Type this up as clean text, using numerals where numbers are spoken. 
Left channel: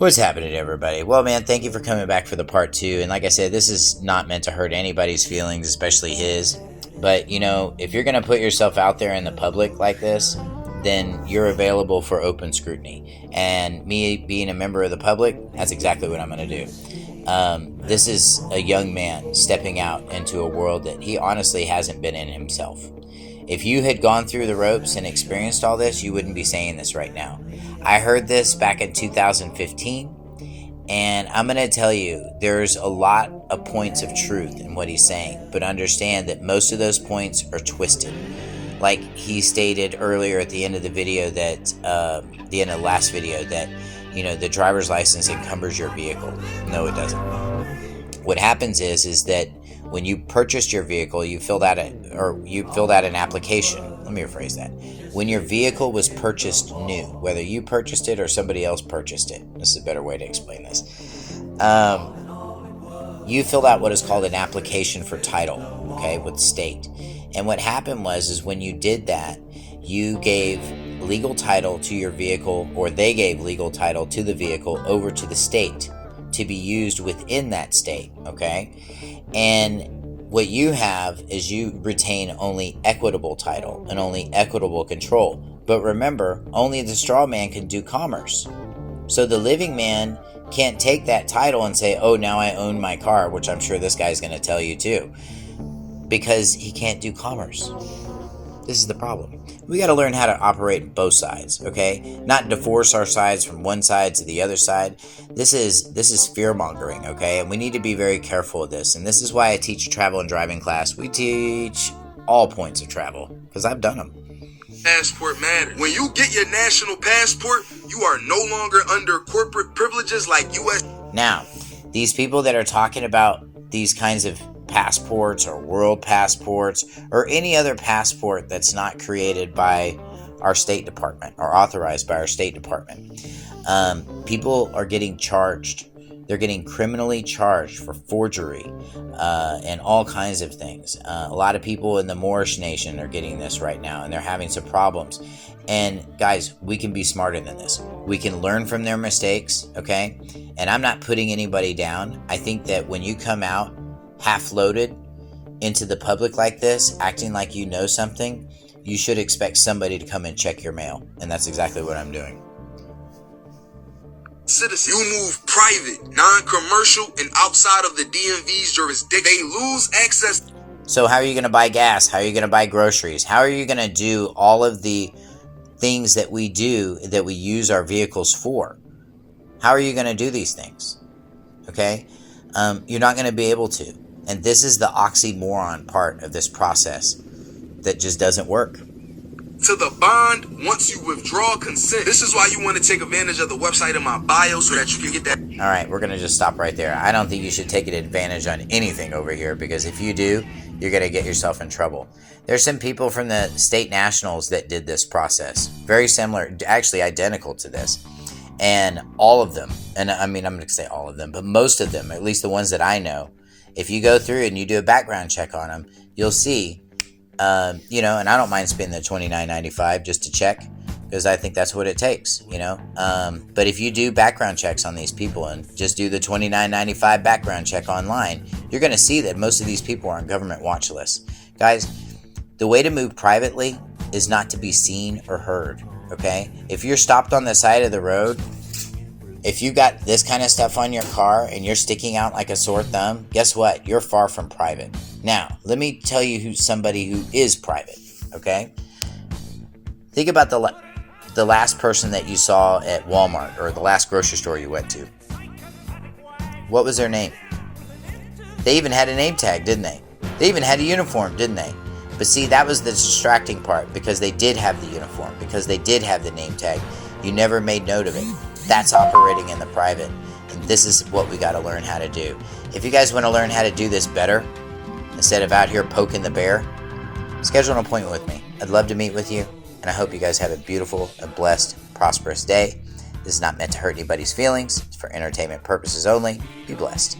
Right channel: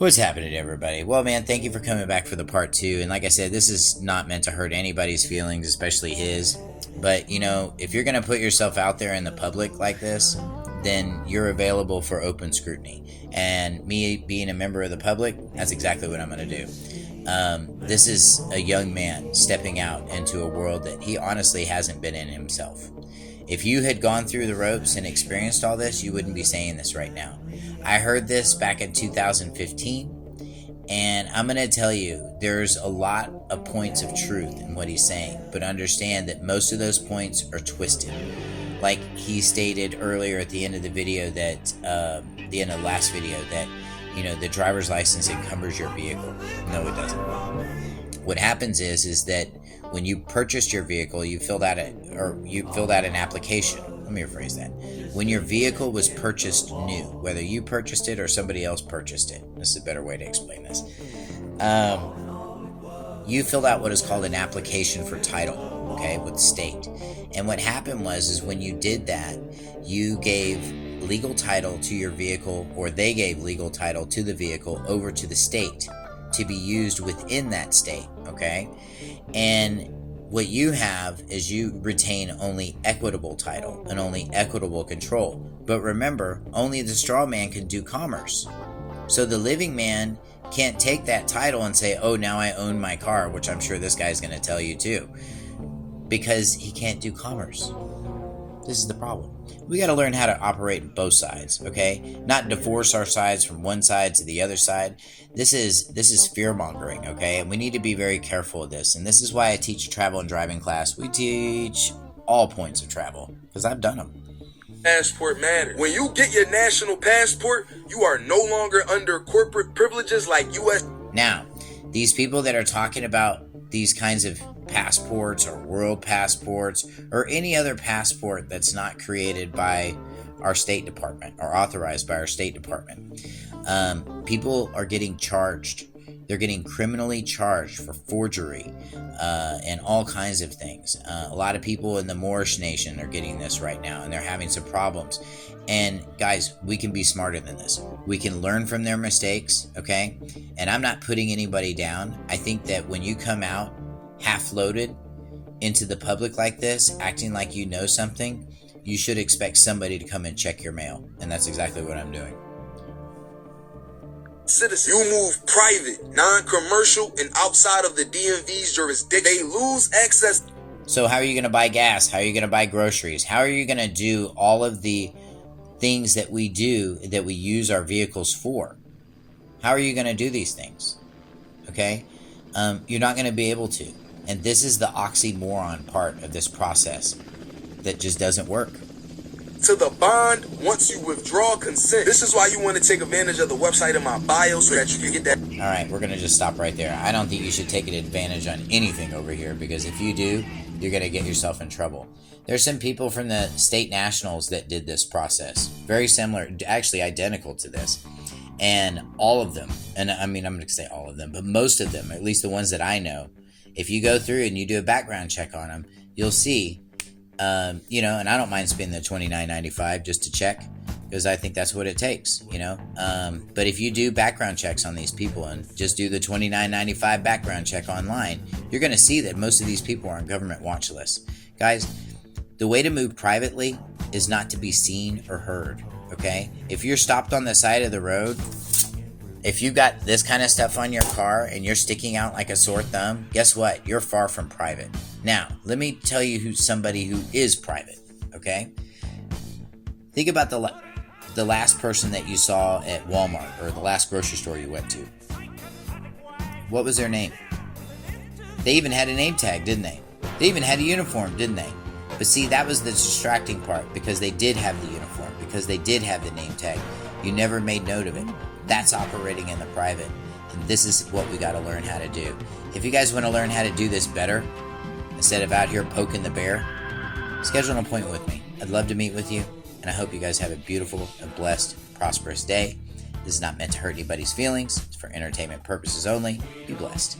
What's happening, everybody? Well, man, thank you for coming back for the part 2. And like I said, this is not meant to hurt anybody's feelings, especially his. But, if you're going to put yourself out there in the public like this, then you're available for open scrutiny. And me being a member of the public, that's exactly what I'm going to do. This is a young man stepping out into a world that he honestly hasn't been in himself. If you had gone through the ropes and experienced all this, you wouldn't be saying this right now. I heard this back in 2015, and I'm going to tell you, there's a lot of points of truth in what he's saying, but understand that most of those points are twisted. Like he stated earlier at the end of the video that, the end of the last video, that, the driver's license encumbers your vehicle. No, it doesn't. What happens is that when you purchased your vehicle, you filled out an application. Let me rephrase that. When your vehicle was purchased new, whether you purchased it or somebody else purchased it, this is a better way to explain this. You filled out what is called an application for title, okay, with the state. And what happened is when you did that, you gave legal title to your vehicle, or they gave legal title to the vehicle over to the state to be used within that state, okay? And what you have is you retain only equitable title and only equitable control. But remember, only the straw man can do commerce. So the living man can't take that title and say, oh, now I own my car, which I'm sure this guy's going to tell you too, because he can't do commerce. This is the problem. We got to learn how to operate both sides, okay? Not divorce our sides from one side to the other side. This is fear-mongering, okay? And we need to be very careful of this. And this is why I teach a travel and driving class. We teach all points of travel, because I've done them. Passport matters. When you get your national passport, you are no longer under corporate privileges like U.S. Now, these people that are talking about these kinds of passports or world passports or any other passport that's not created by our State Department or authorized by our State Department, people are getting charged. They're getting criminally charged for forgery and all kinds of things. A lot of people in the Moorish nation are getting this right now, and they're having some problems. And guys, we can be smarter than this. We can learn from their mistakes, okay? And I'm not putting anybody down. I think that when you come out half-loaded into the public like this, acting like you know something, you should expect somebody to come and check your mail. And that's exactly what I'm doing. Citizens. You move private, non-commercial, and outside of the DMV's jurisdiction. They lose access. So how are you going to buy gas? How are you going to buy groceries? How are you going to do all of the things that we do, that we use our vehicles for? How are you going to do these things? Okay? You're not going to be able to. And this is the oxymoron part of this process that just doesn't work. To the bond once you withdraw consent. This is why you want to take advantage of the website in my bio so that you can get that. All right, we're going to just stop right there. I don't think you should take advantage on anything over here, because if you do, you're going to get yourself in trouble. There's some people from the state nationals that did this process. Very similar, actually identical to this. And all of them, and I mean, I'm going to say all of them, but most of them, at least the ones that I know, if you go through and you do a background check on them, you'll see, and I don't mind spending the $29.95 just to check, because I think that's what it takes, But if you do background checks on these people and just do the $29.95 background check online, you're going to see that most of these people are on government watch lists. Guys, the way to move privately is not to be seen or heard, okay? If you're stopped on the side of the road, if you got this kind of stuff on your car and you're sticking out like a sore thumb, guess what? You're far from private. Now, let me tell you who's somebody who is private, okay? Think about the last person that you saw at Walmart or the last grocery store you went to. What was their name? They even had a name tag, didn't they? They even had a uniform, didn't they? But see, that was the distracting part, because they did have the uniform, because they did have the name tag. You never made note of it. That's operating in the private. And this is what we got to learn how to do. If you guys want to learn how to do this better, instead of out here poking the bear, schedule an appointment with me. I'd love to meet with you. And I hope you guys have a beautiful, a blessed, prosperous day. This is not meant to hurt anybody's feelings. It's for entertainment purposes only. Be blessed.